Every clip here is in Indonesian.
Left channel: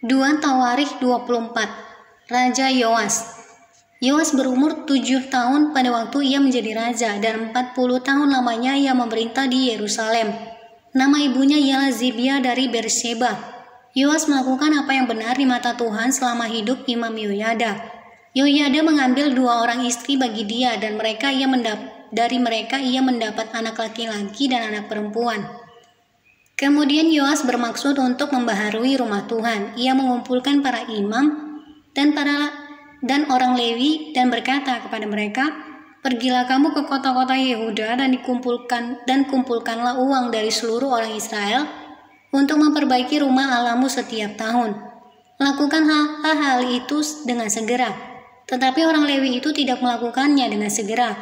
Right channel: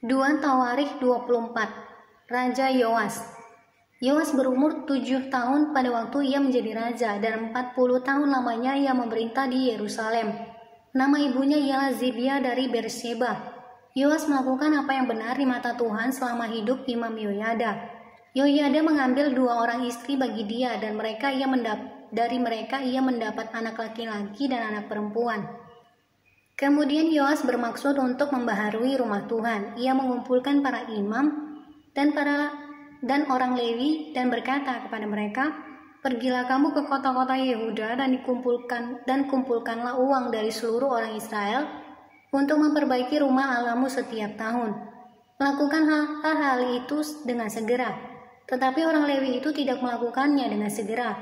2 Tawarikh 24. Raja Yoas. Yoas berumur 7 tahun pada waktu ia menjadi raja, dan 40 tahun lamanya ia memerintah di Yerusalem. Nama ibunya ialah Zibia dari Beersheba. Yoas melakukan apa yang benar di mata Tuhan selama hidup Imam Yoyada. Yoyada mengambil 2 orang istri bagi dia, dan dari mereka ia mendapat anak laki-laki dan anak perempuan. Kemudian Yoas bermaksud untuk membaharui rumah Tuhan. Ia mengumpulkan para imam dan orang Lewi dan berkata kepada mereka, "Pergilah kamu ke kota-kota Yehuda dan kumpulkanlah uang dari seluruh orang Israel untuk memperbaiki rumah Allahmu setiap tahun. Lakukan hal itu dengan segera." Tetapi orang Lewi itu tidak melakukannya dengan segera.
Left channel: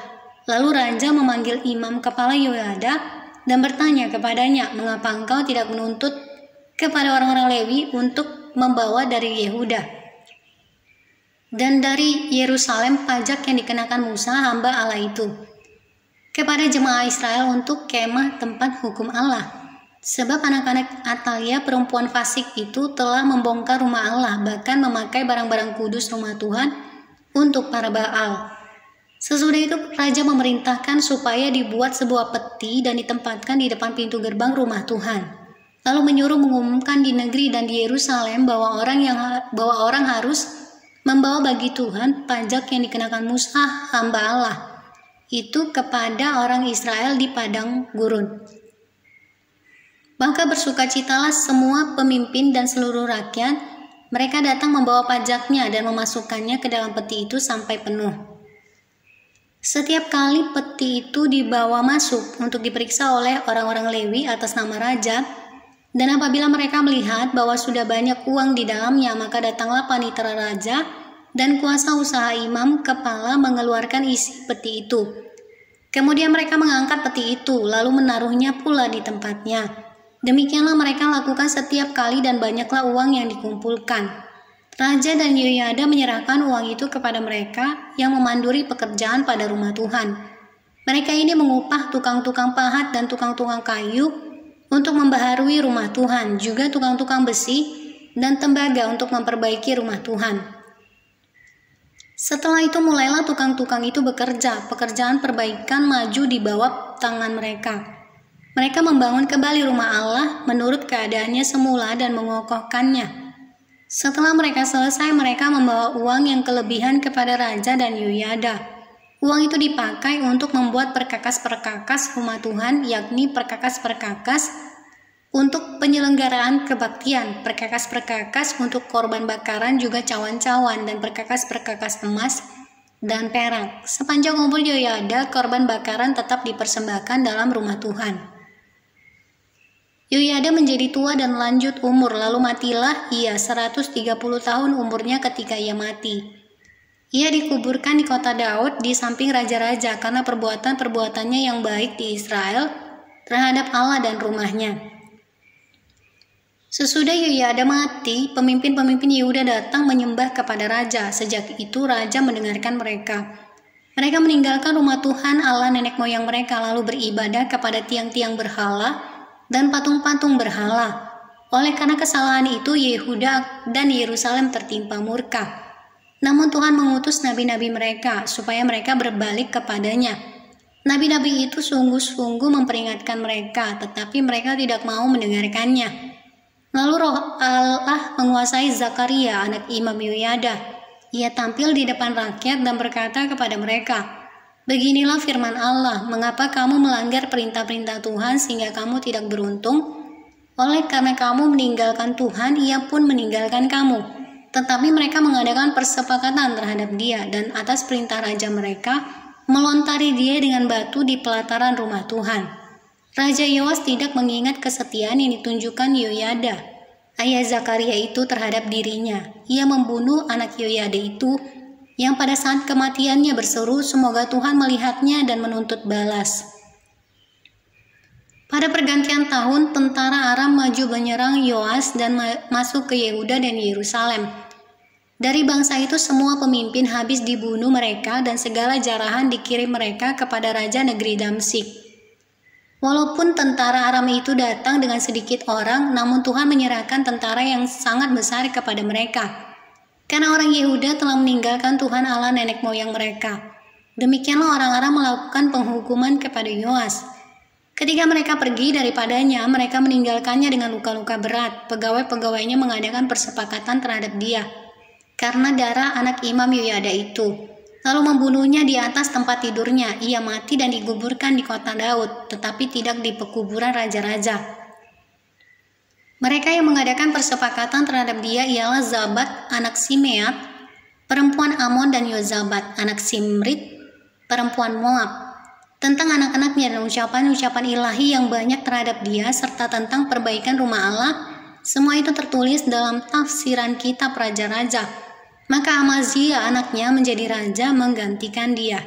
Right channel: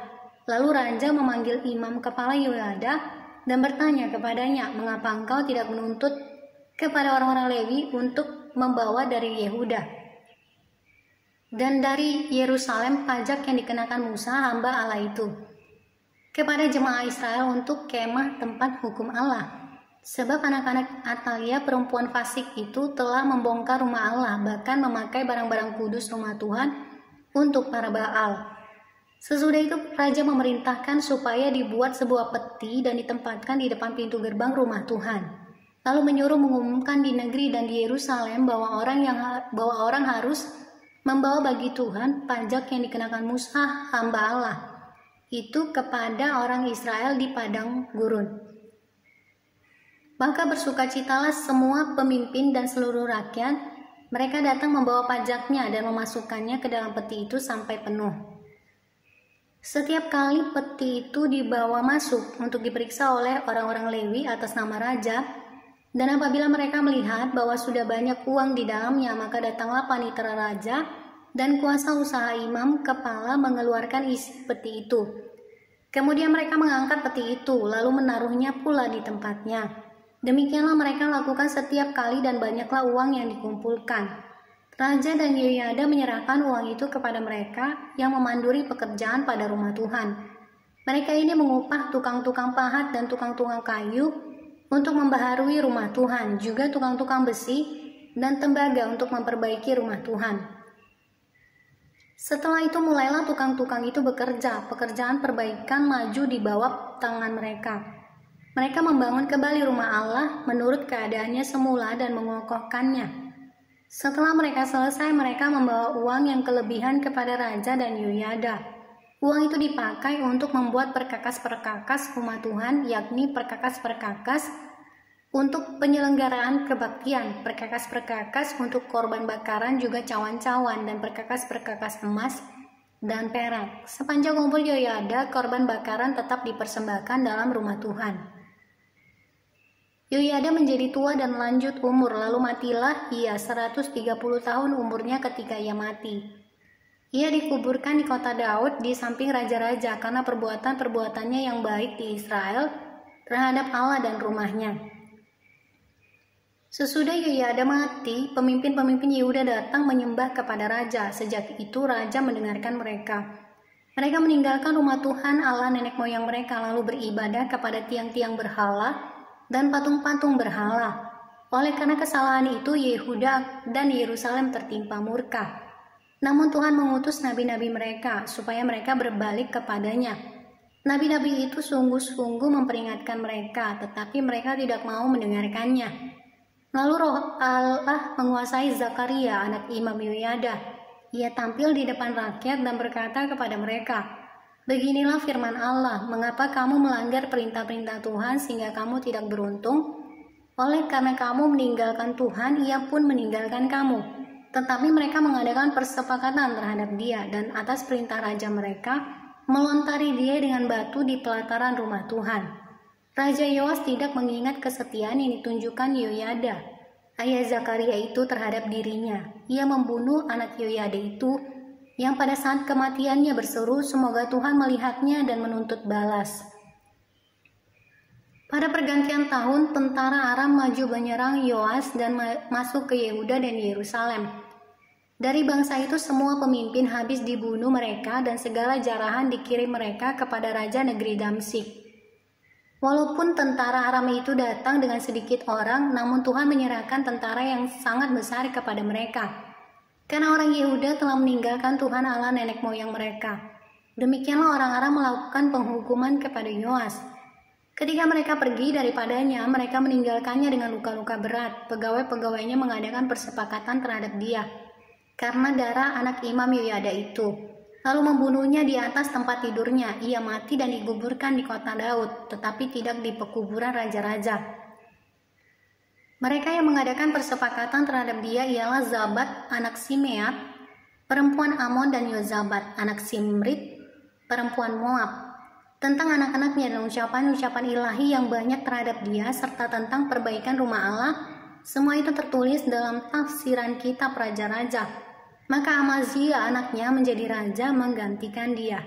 Lalu raja memanggil imam kepala Yoyada dan bertanya kepadanya, "Mengapa engkau tidak menuntut kepada orang-orang Lewi untuk membawa dari Yehuda dan dari Yerusalem pajak yang dikenakan Musa hamba Allah itu kepada jemaah Israel untuk kemah tempat hukum Allah? Sebab anak-anak Atalia perempuan fasik itu telah membongkar rumah Allah, bahkan memakai barang-barang kudus rumah Tuhan untuk para Baal." Sesudah itu raja memerintahkan supaya dibuat sebuah peti dan ditempatkan di depan pintu gerbang rumah Tuhan. Lalu menyuruh mengumumkan di negeri dan di Yerusalem bahwa orang harus membawa bagi Tuhan pajak yang dikenakan Musa hamba Allah itu kepada orang Israel di padang gurun. Maka bersukacitalah semua pemimpin dan seluruh rakyat. Mereka datang membawa pajaknya dan memasukkannya ke dalam peti itu sampai penuh. Setiap kali peti itu dibawa masuk untuk diperiksa oleh orang-orang Lewi atas nama raja, dan apabila mereka melihat bahwa sudah banyak uang di dalamnya, maka datanglah panitera raja dan kuasa usaha imam kepala mengeluarkan isi peti itu. Kemudian mereka mengangkat peti itu, lalu menaruhnya pula di tempatnya. Demikianlah mereka lakukan setiap kali, dan banyaklah uang yang dikumpulkan. Raja dan Yoyada menyerahkan uang itu kepada mereka yang memanduri pekerjaan pada rumah Tuhan. Mereka ini mengupah tukang-tukang pahat dan tukang-tukang kayu untuk membaharui rumah Tuhan, juga tukang-tukang besi dan tembaga untuk memperbaiki rumah Tuhan. Setelah itu mulailah tukang-tukang itu bekerja. Pekerjaan perbaikan maju di bawah tangan mereka. Mereka membangun kembali rumah Allah menurut keadaannya semula dan mengokohkannya. Setelah mereka selesai, mereka membawa uang yang kelebihan kepada raja dan Yoyada. Uang itu dipakai untuk membuat perkakas-perkakas rumah Tuhan, yakni perkakas-perkakas untuk penyelenggaraan kebaktian, perkakas-perkakas untuk korban bakaran, juga cawan-cawan, dan perkakas-perkakas emas dan perak. Sepanjang umur Yoyada, korban bakaran tetap dipersembahkan dalam rumah Tuhan. Yoyada menjadi tua dan lanjut umur, lalu matilah ia 130 tahun umurnya ketika ia mati. Ia dikuburkan di kota Daud di samping raja-raja karena perbuatan-perbuatannya yang baik di Israel terhadap Allah dan rumahnya. Sesudah Yoyada mati, pemimpin-pemimpin Yehuda datang menyembah kepada raja. Sejak itu raja mendengarkan mereka. Mereka meninggalkan rumah Tuhan Allah nenek moyang mereka, lalu beribadah kepada tiang-tiang berhala dan patung-patung berhala. Oleh karena kesalahan itu, Yehuda dan Yerusalem tertimpa murka. Namun Tuhan mengutus nabi-nabi mereka supaya mereka berbalik kepadanya. Nabi-nabi itu sungguh-sungguh memperingatkan mereka, tetapi mereka tidak mau mendengarkannya. Lalu roh Allah menguasai Zakaria, anak Imam Yoyada. Ia tampil di depan rakyat dan berkata kepada mereka, "Beginilah firman Allah, mengapa kamu melanggar perintah-perintah Tuhan sehingga kamu tidak beruntung? Oleh karena kamu meninggalkan Tuhan, ia pun meninggalkan kamu." Tetapi mereka mengadakan persepakatan terhadap dia, dan atas perintah raja mereka melontari dia dengan batu di pelataran rumah Tuhan. Raja Yoas tidak mengingat kesetiaan yang ditunjukkan Yoyada, ayah Zakaria itu terhadap dirinya. Ia membunuh anak Yoyada itu, yang pada saat kematiannya berseru, "Semoga Tuhan melihatnya dan menuntut balas." Pada pergantian tahun, tentara Aram maju menyerang Yoas dan masuk ke Yehuda dan Yerusalem. Dari bangsa itu semua pemimpin habis dibunuh mereka, dan segala jarahan dikirim mereka kepada raja negeri Damsyik. Walaupun tentara Aram itu datang dengan sedikit orang, namun Tuhan menyerahkan tentara yang sangat besar kepada mereka. Karena orang Yehuda telah meninggalkan Tuhan Allah nenek moyang mereka. Demikianlah orang Aram melakukan penghukuman kepada Yoas. Ketika mereka pergi daripadanya, mereka meninggalkannya dengan luka-luka berat. Pegawai-pegawainya mengadakan persepakatan terhadap dia karena darah anak Imam Yoyada itu, lalu membunuhnya di atas tempat tidurnya. Ia mati dan dikuburkan di kota Daud, tetapi tidak di pekuburan raja-raja. Mereka yang mengadakan persepakatan terhadap dia ialah Zabat anak Simeat, perempuan Amon, dan Yozabat anak Simrit, perempuan Moab, tentang anak-anaknya dan ucapan-ucapan ilahi yang banyak terhadap dia, serta tentang perbaikan rumah Allah. Semua itu tertulis dalam tafsiran kitab raja-raja. Maka Amazia anaknya menjadi raja menggantikan dia.